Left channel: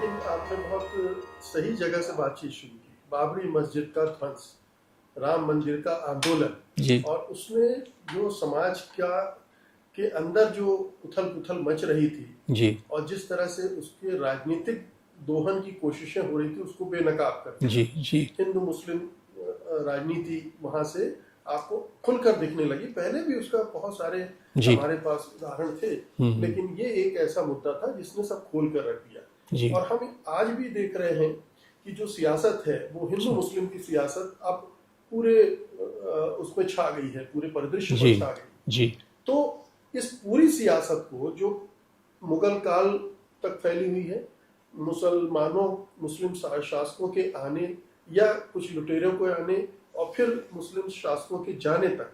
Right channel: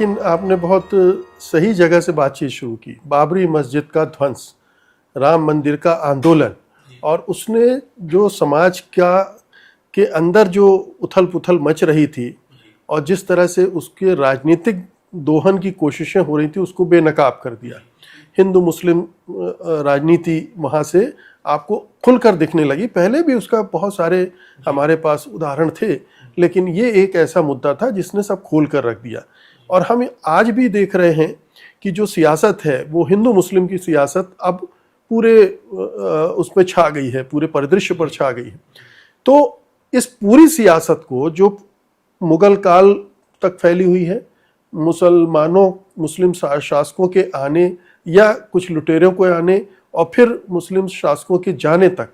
लेकिन आपने बहुत सही जगह से बातचीत शुरू की। बाबरी मस्जिद का ध्वंस, राम मंदिर का आंदोलन, जी और उसने जो समाज के अंदर जो उथल पुथल मच रही थी जी और जिस तरह से उसके राजनीतिक दोहन की कोशिशें हो रही थी, उसको बेनकाब कर दिया। जी जी हिंदू मुस्लिम राजनीति वहाँ से आपको खुलकर दिखने लगी। पहले भी उसका बहुत सारे जी हमारे पास उदाहरण थे, लेकिन ये एक ऐसा मुद्दा था जिसने सब खोल कर रख दिया। जी और हम आज भी देख रहे हैं कि जो सियासत है वो हिंदू मुस्लिम की सियासत अब पूरे उसमें छा गई है, पूरे परिदृश्य पर जी छा गई है। जी तो इस पूरी सियासत को जो मुगल काल तक फैली हुई है, मुस्लिम शासकों के आने या कुछ लुटेरों के आने और फिर मुस्लिम शासकों के जाने तक,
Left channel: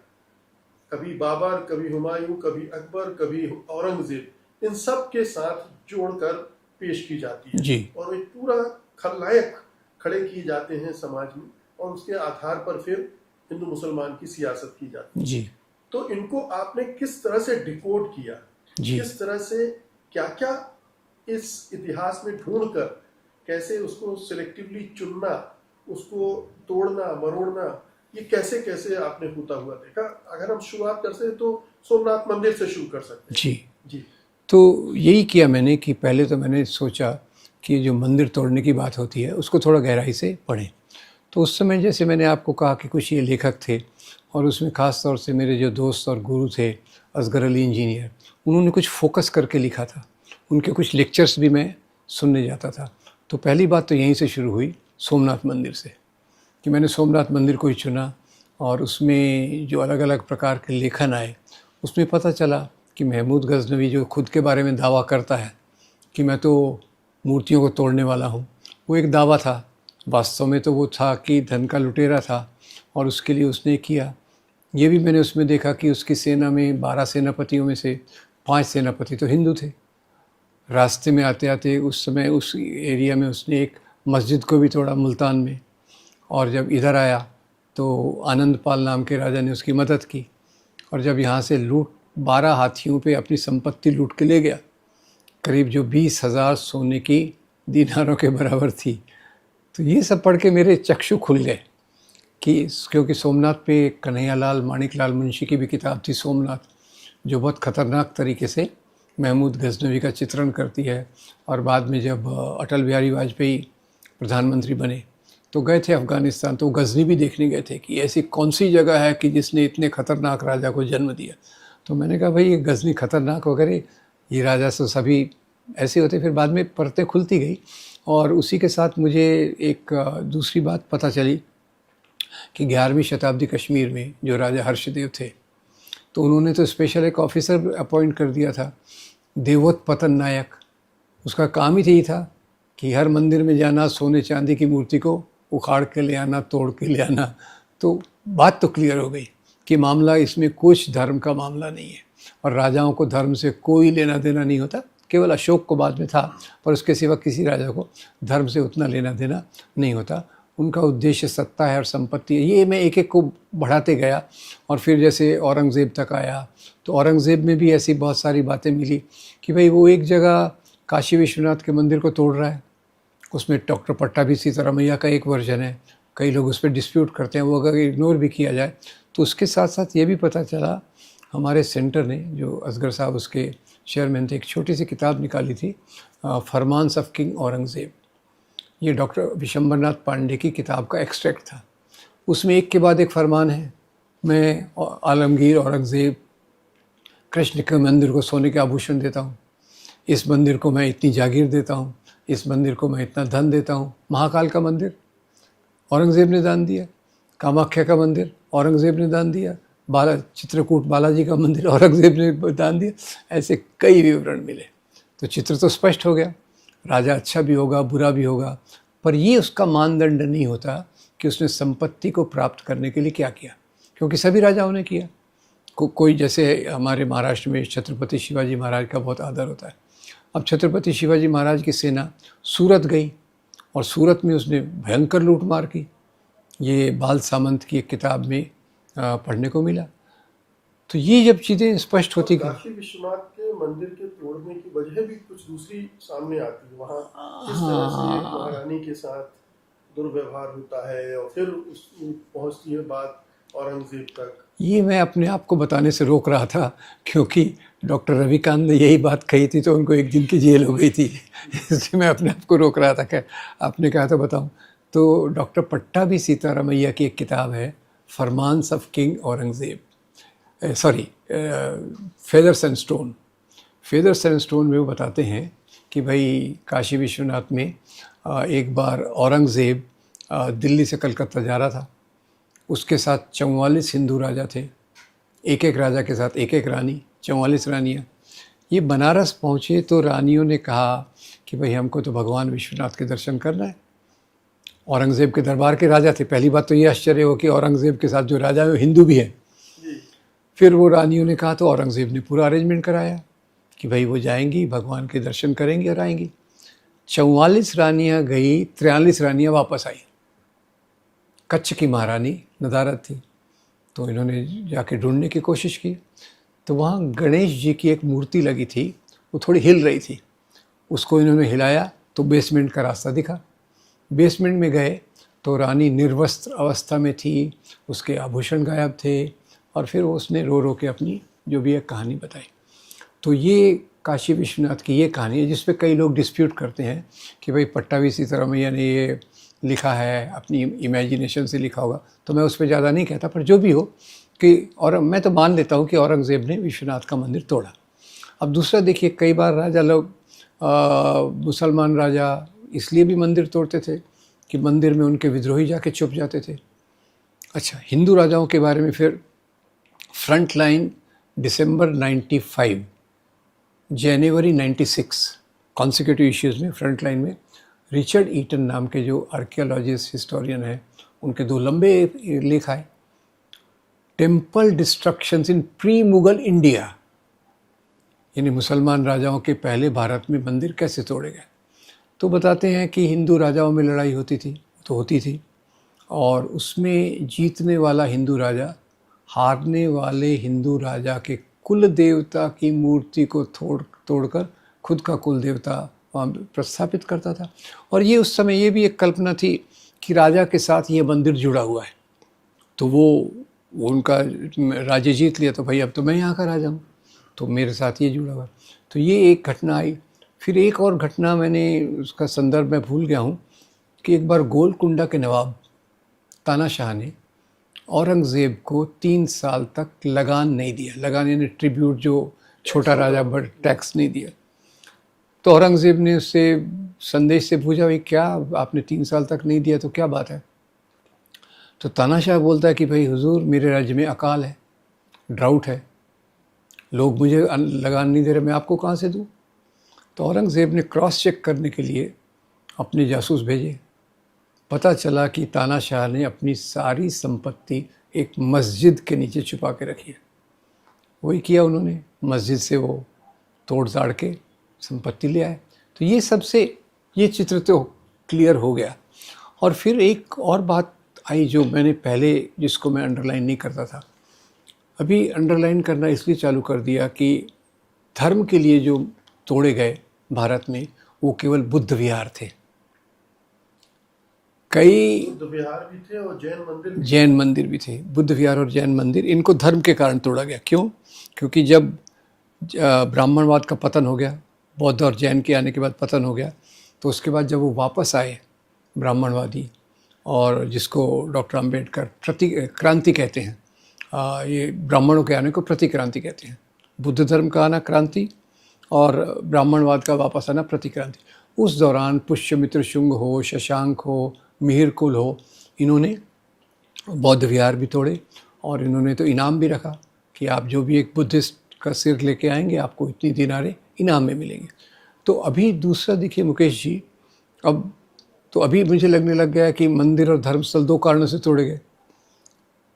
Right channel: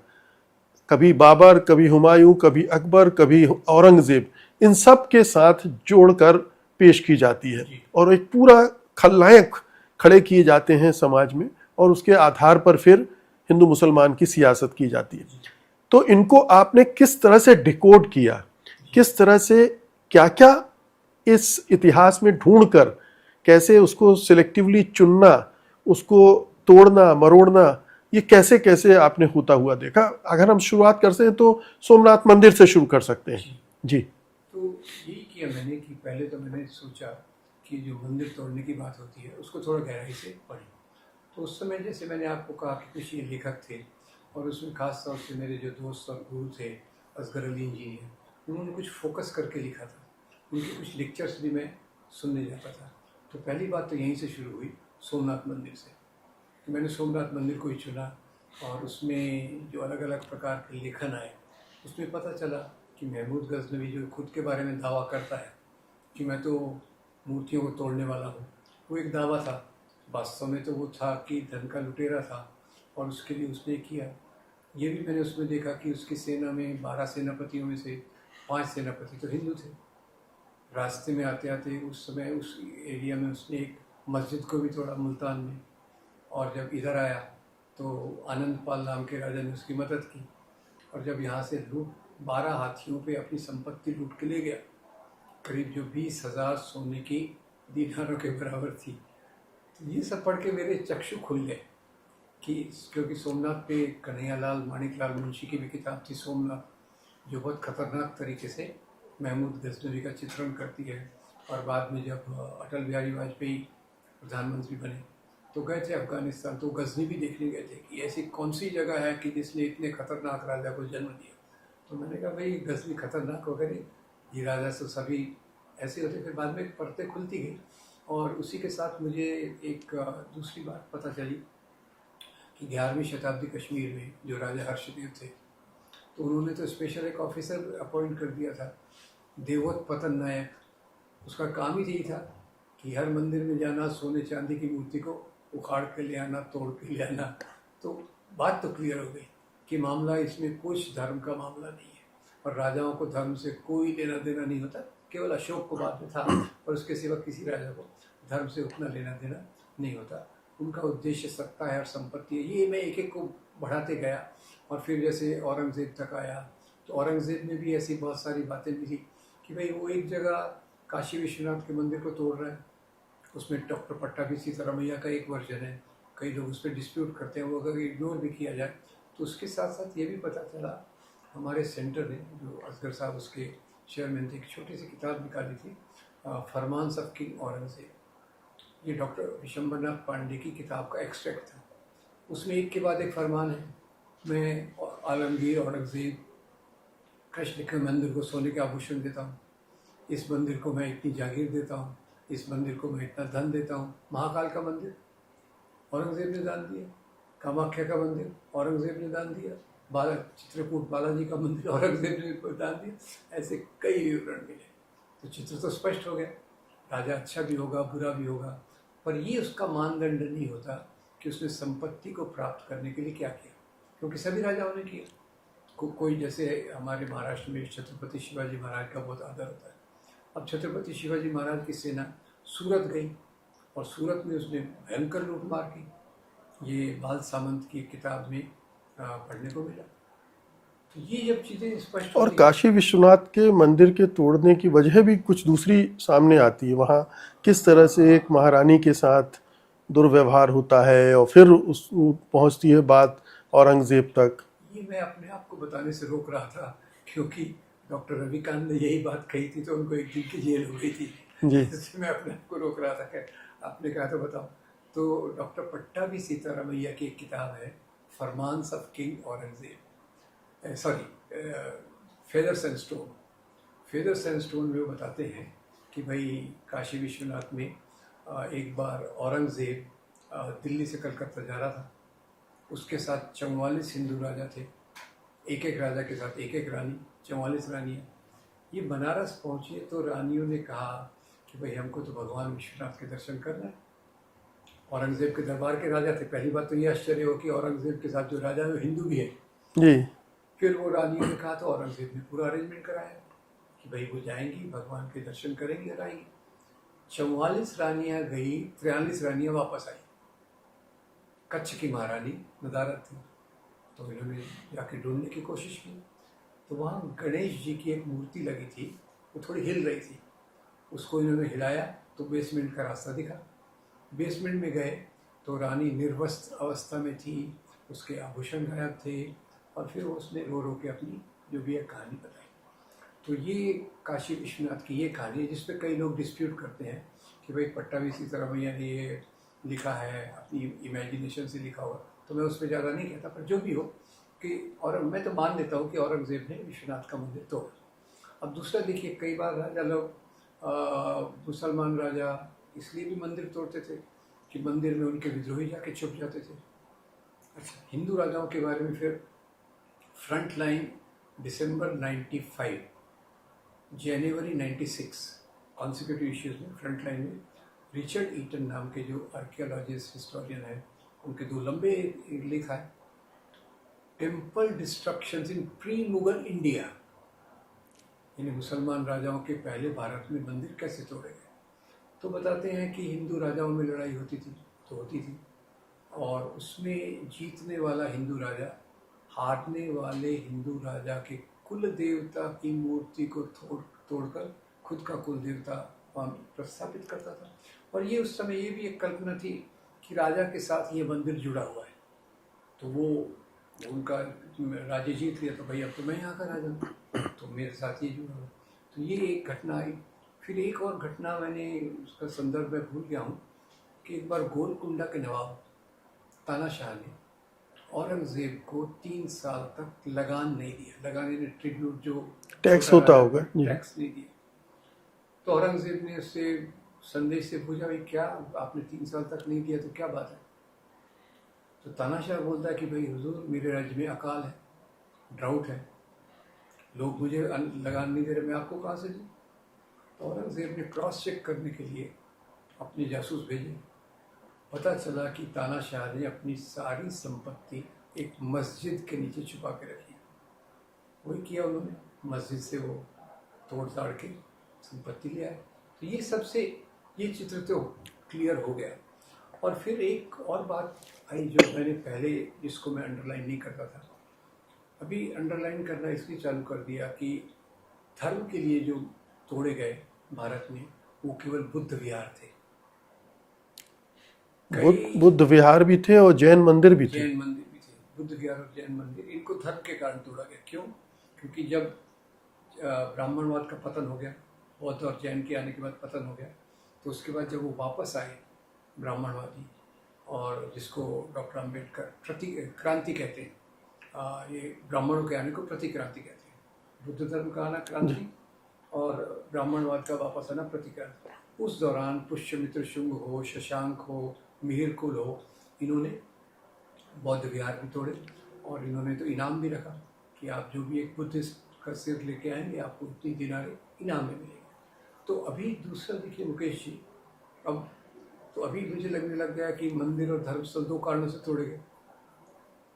कभी बाबर, कभी हुमायूं, कभी अकबर, कभी औरंगजेब, इन सब के साथ जोड़कर पेश की जाती है जी और एक पूरा खलनायक खड़े किए जाते हैं समाज में, और उसके आधार पर फिर हिंदू मुसलमान की सियासत की जाती है। जी तो इनको आपने किस तरह से डिकोड किया, जी किस तरह से क्या क्या इस इतिहास में ढूंढकर कैसे उसको सिलेक्टिवली चुनना, उसको तोड़ना मरोड़ना, ये कैसे कैसे आपने होता हुआ देखा? अगर हम शुरुआत करते हैं तो सोमनाथ मंदिर से शुरू कर सकते हैं। जी जी तो यही किया मैंने कि पहले तो मैंने सोचा कि जो मंदिर तोड़ने की बात होती है उसको थोड़ा गहराई से पढ़ें। तो उस समय जैसे मैंने आपको कहा कि कुछ ये लेखक थे और उसमें ख़ास तौर से मेरे जो दोस्त और गुरु थे असगर अली इंजीनियर, उन्होंने कुछ फोकस करके लिखा था। उनके कुछ लेक्चर्स भी मैं सुनने जाता था। तो पहली बात तो यहीं से शुरू हुई, सोमनाथ मंदिर से, कि मैंने सोमनाथ मंदिर को ही चुना। और उसमें जो अलग अलग प्रकार के लेखन आए, उसमें पता चला कि महमूद गज़नवी जो खुद के बारे में दावा करता है कि मैं तो मूर्तियों को तोड़ने वाला हूँ, वो एक दावा था। वास्तव में तो वो था कि धन का लुटेरा था और उसके लिए उसने किया। ये भी मैंने उसमें देखा कि उसकी सेना में 12 सेनापतियों में से 5 सेनापति तो हिंदू थे। रास्ते में आते आते उस समय उस एरिया में उसने एक मस्जिद को भी तोड़ा मुल्तान में। और जब इधर आया तो आनंदपाल नाम के राजा ने उसकी मदद की। और जब यहाँ से 12 हाथियों पे अपनी संपत्ति लूट के ले गया, करीब जो 20,000 सोने की दीनारों के बराबर थी। तो ये सब पढ़ के मेरे चक्षु खुल गए कि क्योंकि सोमनाथ पे कन्हैयालाल माणिकलाल मुंशी की भी किताब थी सोमनाथ, जो बहुत ख़तरनाक तरीके से महमूद गज़नवी का चित्रण करती है। और बाद में जब अटल बिहारी वाजपेयी प्रधानमंत्री बने तो गए थे अफ़गानिस्तान, तो गज़नी भी देखने गए थे कि ऐसी कौन सी जगह है कि जिसने इतने ख़तरनाक राजा को जन्म दिया। तो मैंने कहा भाई ये गज़नी ख़तरनाक वगैरह, ये राजा तो सभी ऐसे होते। फिर बाद में परतें खुलती गई और उसी के साथ मुझे एक दूसरी बात पता चली कि 11वीं शताब्दी कश्मीर में जो राजा हर्षदेव थे, तो उन्होंने तो स्पेशल एक ऑफिसर अपॉइंट कर दिया था, देवोत पतन नायक। उसका काम ही यही था कि हर मंदिर में जाना, सोने चांदी की मूर्ति को उखाड़ के ले आना, तोड़ के ले आना। तो बात तो क्लियर हो गई कि मामला इसमें कुछ धर्म का मामला नहीं है और राजाओं को धर्म से कोई लेना देना नहीं होता। केवल अशोक को बाद में था, पर उसके सिवा किसी राजा को धर्म से उतना लेना देना नहीं होता। उनका उद्देश्य सत्ता है और संपत्ति है। ये मैं एक एक को बढ़ाते गया और फिर जैसे औरंगज़ेब तक आया तो औरंगज़ेब में भी ऐसी बहुत सारी बातें मिली कि भाई वो एक जगह काशी विश्वनाथ के मंदिर को तोड़ रहा है, उसमें डॉक्टर पट्टाभी सीतारामैया का एक वर्जन है, कई लोग उस पर डिस्प्यूट करते हैं, वो अगर इग्नोर भी किया जाए तो उसके साथ साथ ये भी पता चला, हमारे सेंटर ने, जो असगर साहब उसके चेयरमैन थे, एक छोटी सी किताब निकाली थी, फरमान्स ऑफ किंग औरंगज़ेब। ये डॉक्टर विशंबरनाथ पांडे की किताब का एक्सट्रैक्ट था। उसमें एक के बाद एक फरमान है, मैं आलमगीर औरंगज़ेब कृष्ण के मंदिर को सोने के आभूषण देता हूँ, इस मंदिर को मैं इतनी जागीर देता हूँ, इस मंदिर को मैं इतना धन देता हूँ। महाकाल का मंदिर औरंगज़ेब ने दान दिया, कामाख्या का मंदिर औरंगज़ेब ने दान दिया, चित्रकूट बालाजी का मंदिर औरंगज़ेब ने दान दिया। ऐसे कई विवरण मिले। तो चित्र तो स्पष्ट हो गया, राजा अच्छा भी होगा बुरा भी होगा, पर ये उसका मानदंड नहीं होता कि उसने संपत्ति को प्राप्त करने के लिए क्या किया, क्योंकि सभी राजाओं ने किया। कोई जैसे हमारे महाराष्ट्र में छत्रपति शिवाजी महाराज का बहुत आदर होता है। अब छत्रपति शिवाजी महाराज की सेना सूरत गई और सूरत में उसने भयंकर लूटमार की। ये बाल सामंत की एक किताब में पढ़ने को मिला। तो ये जब चीज़ें स्पष्ट होती और काशी विश्वनाथ के मंदिर के तोड़ने की वजह भी कुछ दूसरी सामने आती है। वहाँ किस तरह से एक महारानी के साथ दुर्व्यवहार होता है और फिर उस पहुंचती है बात औरंगजेब तक। ये मैं अपने आप को बताने से रोक रहा था, क्योंकि डॉक्टर रविकांत ने यही बात कही थी तो उनको एक दिन की जेल हो गई थी, इसलिए मैं अपने आप को रोक रहा था। खैर, आपने कहा तो बताऊं। तो डॉक्टर पट्टाभी सीतारामैया की एक किताब है, फरमान्स of king Aurangzeb, sorry, feathers and stone. Feathers and stone में वो बताते हैं कि भाई काशी विश्वनाथ में एक बार औरंगज़ेब दिल्ली से कलकत्ता जा रहा था। उसके साथ 44 हिंदू राजा थे, एक एक राजा के साथ एक एक रानी, 44 रानियाँ। ये बनारस पहुँचे तो रानियों ने कहा कि भाई हमको तो भगवान विश्वनाथ के दर्शन करना है। औरंगज़ेब के दरबार के राजा थे। पहली बात तो ये आश्चर्य हो कि औरंगज़ेब के साथ जो राजा है वो हिंदू भी है। जी। फिर वो रानियों ने कहा तो औरंगज़ेब ने पूरा अरेंजमेंट कराया कि भाई वो जाएंगी, भगवान के दर्शन करेंगी और आएंगी। 44 रानियाँ गई, 43 रानियाँ वापस आई। कच्छ की महारानी नदारद थी, तो इन्होंने जाके ढूंढने की कोशिश की। तो वहाँ गणेश जी की एक मूर्ति लगी थी, वो थोड़ी हिल रही थी। उसको इन्होंने हिलाया तो बेसमेंट का रास्ता दिखा। बेसमेंट में गए तो रानी निर्वस्त्र अवस्था में थी, उसके आभूषण गायब थे, और फिर उसने रो रो के अपनी जो भी एक कहानी बताई। तो ये काशी विश्वनाथ की ये कहानी है, जिस पे कई लोग डिस्प्यूट करते हैं कि भाई पट्टाभी सीतारामैया ने ये लिखा है, अपनी इमेजिनेशन से लिखा होगा। तो मैं उस पर ज़्यादा नहीं कहता, पर जो भी हो कि, और मैं तो मान लेता हूँ कि औरंगज़ेब ने विश्वनाथ का मंदिर तोड़ा। अब दूसरा देखिए, कई बार राजा लोग, मुसलमान राजा इसलिए भी मंदिर तोड़ते थे कि मंदिर में उनके विद्रोही जाके छुप जाते थे। अच्छा, हिंदू राजाओं के बारे में फिर फ्रंट लाइन दिसंबर 95, जनवरी 96 कॉन्सिक्यूटिव इश्यूज़ में फ्रंट लाइन में रिचर्ड ईटन नाम के जो आर्कियोलॉजिस्ट हिस्टोरियन हैं, उनके 2 लंबे लेख आए। टेम्पल डिस्ट्रक्शंस इन प्री मुगल इंडिया, यानी मुसलमान राजाओं के पहले भारत में मंदिर कैसे तोड़े गए। तो बताते हैं कि हिंदू राजाओं में लड़ाई होती थी, तो होती थी, और उसमें जीतने वाला हिंदू राजा हारने वाले हिंदू राजा के कुल देवता की मूर्ति को तोड़कर खुद का कुल देवता वहाँ प्रस्थापित करता था। और ये उस समय ये भी एक कल्पना थी कि राजा के साथ ये मंदिर जुड़ा हुआ है, तो वो उनका राज्य जीत लिया तो भाई अब तो मैं यहाँ का राजा हूँ, तो मेरे साथ ये जुड़ा हुआ है। तो ये एक घटना आई। फिर एक और घटना, मैंने उसका संदर्भ मैं भूल गया हूँ, कि एक बार गोलकुंडा के नवाब तानाशाह ने औरंगज़ेब को 3 साल तक लगान नहीं दिया। लगान यानी ट्रिब्यूट, जो छोटा राजा पर टैक्स नहीं दिया। तो औरंगज़ेब ने उससे संदेश से पूछा, भाई क्या आपने 3 साल तक नहीं दिया, तो क्या बात है। तो तानाशाह बोलता है कि भाई हुजूर, मेरे राज्य में अकाल है, ड्राउट है, लोग मुझे लगान नहीं दे रहे, मैं आपको कहाँ से दूँ। तो औरंगज़ेब ने क्रॉस चेक करने के लिए अपने जासूस भेजे। पता चला कि तानाशाह ने अपनी सारी संपत्ति एक मस्जिद के नीचे छुपा के रखी है। वही किया उन्होंने, मस्जिद से वो तोड़ ताड़ के संपत्ति ले आए। तो ये सबसे ये चित्र तो क्लियर हो गया। और फिर एक और बात आई जो मैंने पहले, जिसको मैं अंडरलाइन नहीं करता था, अभी अंडरलाइन करना इसलिए चालू कर दिया कि धर्म के लिए जो तोड़े गए भारत में, वो केवल बुद्ध विहार थे। कई बुद्ध विहार भी थे और जैन मंदिर भी जैन मंदिर भी थे। बुद्ध विहार और जैन मंदिर, इनको धर्म के कारण तोड़ा गया। क्यों? क्योंकि जब ब्राह्मणवाद का पतन हो गया, बौद्ध और जैन के आने के बाद पतन हो गया, तो उसके बाद जब वो वापस आए ब्राह्मणवादी, और जिसको डॉक्टर अंबेडकर क्रांति कहते हैं, ये ब्राह्मणों के आने को प्रतिक्रांति कहते हैं। बुद्ध धर्म का आना क्रांति और ब्राह्मणवाद का वापस आना प्रतिक्रांति। उस दौरान पुष्यमित्र शुंग हो, शशांक हो, मिहिर कुल हो, इन्होंने बौद्ध विहार भी तोड़े, और इन्होंने तो इनाम भी रखा कि आप जो भी एक बुद्धिस्ट का सिर लेके आएंगे, आपको इतनी दिनारे इनाम में मिलेंगे। तो अभी दूसरा देखिए मुकेश जी, अब तो अभी मुझे लगने लग गया कि मंदिर और धर्मस्थल 2 कारणों से तोड़े गए।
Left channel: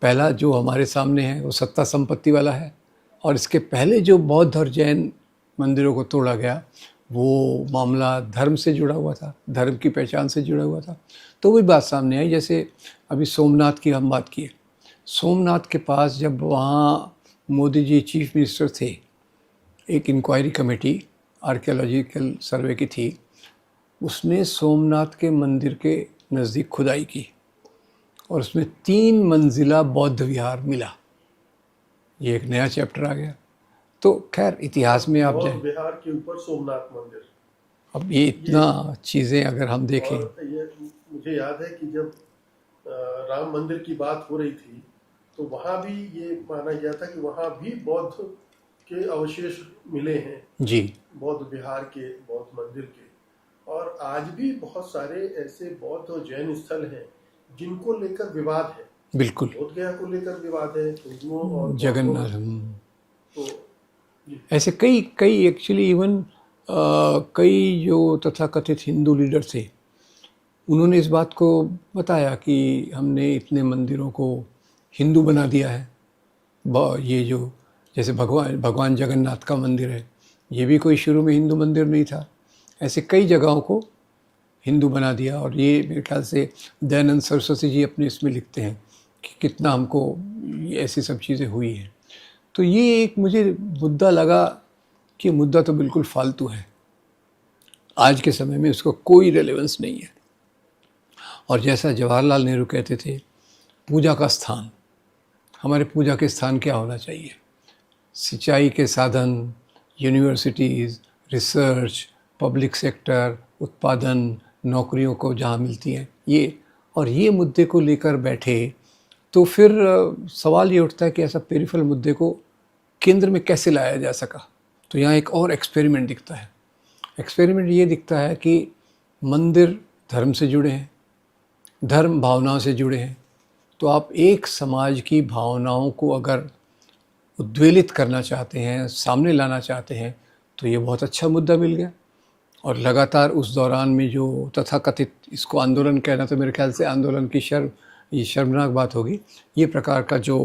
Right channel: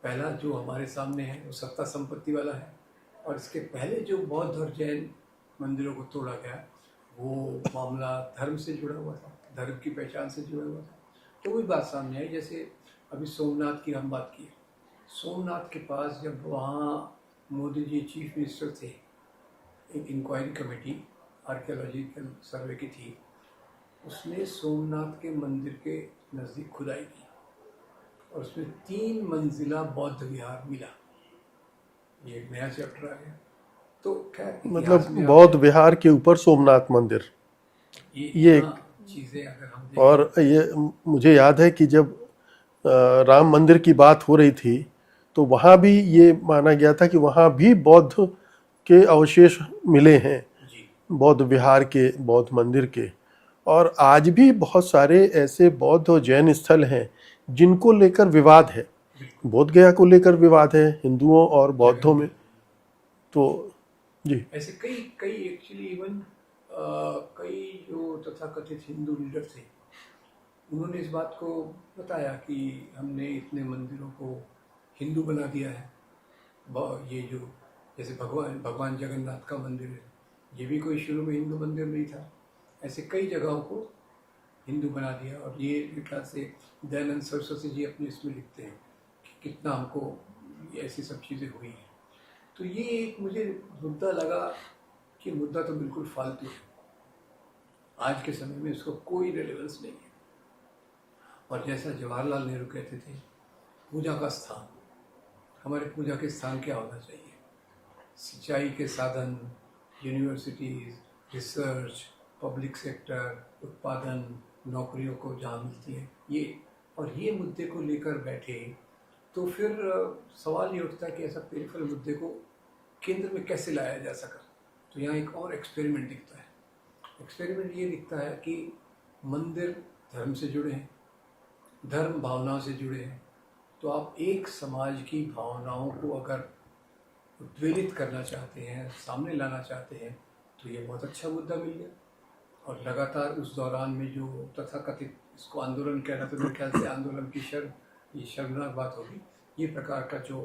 पहला जो हमारे सामने है वो सत्ता संपत्ति वाला है, और इसके पहले जो बौद्ध और जैन मंदिरों को तोड़ा गया, वो मामला धर्म से जुड़ा हुआ था, धर्म की पहचान से जुड़ा हुआ था। तो वही बात सामने आई, जैसे अभी सोमनाथ की हम बात किए। सोमनाथ के पास जब वहाँ मोदी जी चीफ मिनिस्टर थे, एक इंक्वायरी कमेटी आर्कियोलॉजिकल सर्वे की थी, उसने सोमनाथ के मंदिर के नज़दीक खुदाई की और उसमें 3 मंजिला बौद्ध विहार मिला। ये एक नया चैप्टर आ गया। तो खैर इतिहास में आप बौद्ध विहार के ऊपर सोमनाथ मंदिर, अब ये इतना चीज़ें अगर हम देखें, और ये मुझे याद है कि जब राम मंदिर की बात हो रही थी तो वहाँ भी ये माना गया था कि वहाँ भी बौद्ध के अवशेष मिले हैं, जी बौद्ध विहार के, बौद्ध मंदिर के। और आज भी बहुत सारे ऐसे बौद्ध और जैन स्थल हैं जिनको लेकर विवाद है। बिल्कुल, बोध गया को लेकर विवाद है हिंदुओं और बौद्धों में। तो जी, ऐसे कई कई एक्चुअली इवन कई जो तथाकथित हिंदू लीडर थे, उन्होंने इस बात को बताया कि हमने इतने मंदिरों को हिंदू बना दिया है। ये जो जैसे भगवान जगन्नाथ का मंदिर है, ये भी कोई शुरू में हिंदू मंदिर नहीं था। ऐसे कई जगहों को हिंदू बना दिया। और ये मेरे ख्याल से दयानंद सरस्वती जी अपने इसमें लिखते हैं कि कितना हमको ऐसी सब चीज़ें हुई हैं। तो ये एक मुझे मुद्दा लगा कि मुद्दा तो बिल्कुल फालतू है, आज के समय में उसका कोई रेलेवेंस नहीं है। और जैसा जवाहरलाल नेहरू कहते थे, पूजा का स्थान, हमारे पूजा के स्थान क्या होना चाहिए? सिंचाई के साधन, यूनिवर्सिटीज़, रिसर्च, पब्लिक सेक्टर, उत्पादन, नौकरियों को जहाँ मिलती हैं, ये और ये मुद्दे को लेकर बैठे तो फिर सवाल ये उठता है कि ऐसा पेरिफेरल मुद्दे को केंद्र में कैसे लाया जा सका। तो यहाँ एक और एक्सपेरिमेंट दिखता है। एक्सपेरिमेंट ये दिखता है कि मंदिर धर्म से जुड़े हैं, धर्म भावनाओं से जुड़े हैं। तो आप एक समाज की भावनाओं को अगर उद्वेलित करना चाहते हैं, सामने लाना चाहते हैं, तो ये बहुत अच्छा मुद्दा मिल गया। और लगातार उस दौरान में जो तथाकथित, इसको आंदोलन कहना तो मेरे ख्याल से आंदोलन की ये शर्मनाक बात होगी, ये प्रकार का जो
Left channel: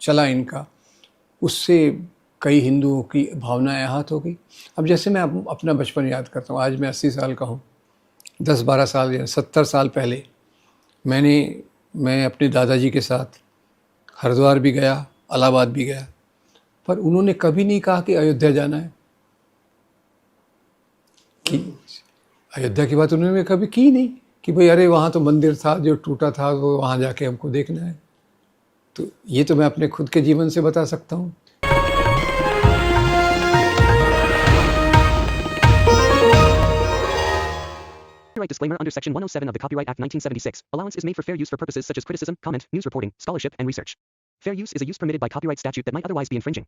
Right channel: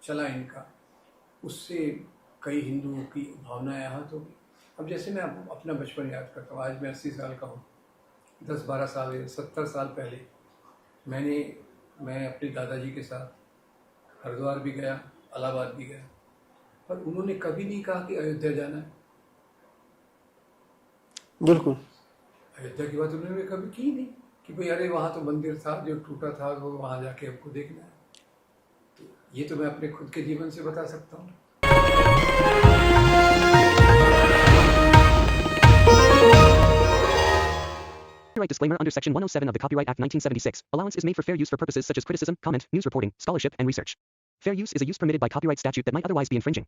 चला इनका, उससे कई हिंदुओं की भावनाएं आहत हो गई। अब जैसे मैं अपना बचपन याद करता हूँ, आज मैं 80 साल का हूँ, 10-12 साल या 70 साल पहले मैं अपने दादाजी के साथ हरिद्वार भी गया, इलाहाबाद भी गया, पर उन्होंने कभी नहीं कहा कि अयोध्या जाना है। बिल्कुल, अयोध्या की बात उन्होंने कभी की नहीं कि भाई अरे वहाँ तो मंदिर था जो टूटा था, वो वहाँ जाके हमको देखना है। तो ये तो मैं अपने खुद के जीवन से बता सकता हूँ। Copyright disclaimer under Section 107 of the Copyright Act 1976. Allowance is made for fair use for purposes such as criticism, comment, news reporting, scholarship, and research. Fair use is a use permitted by copyright statute that might otherwise be infringing.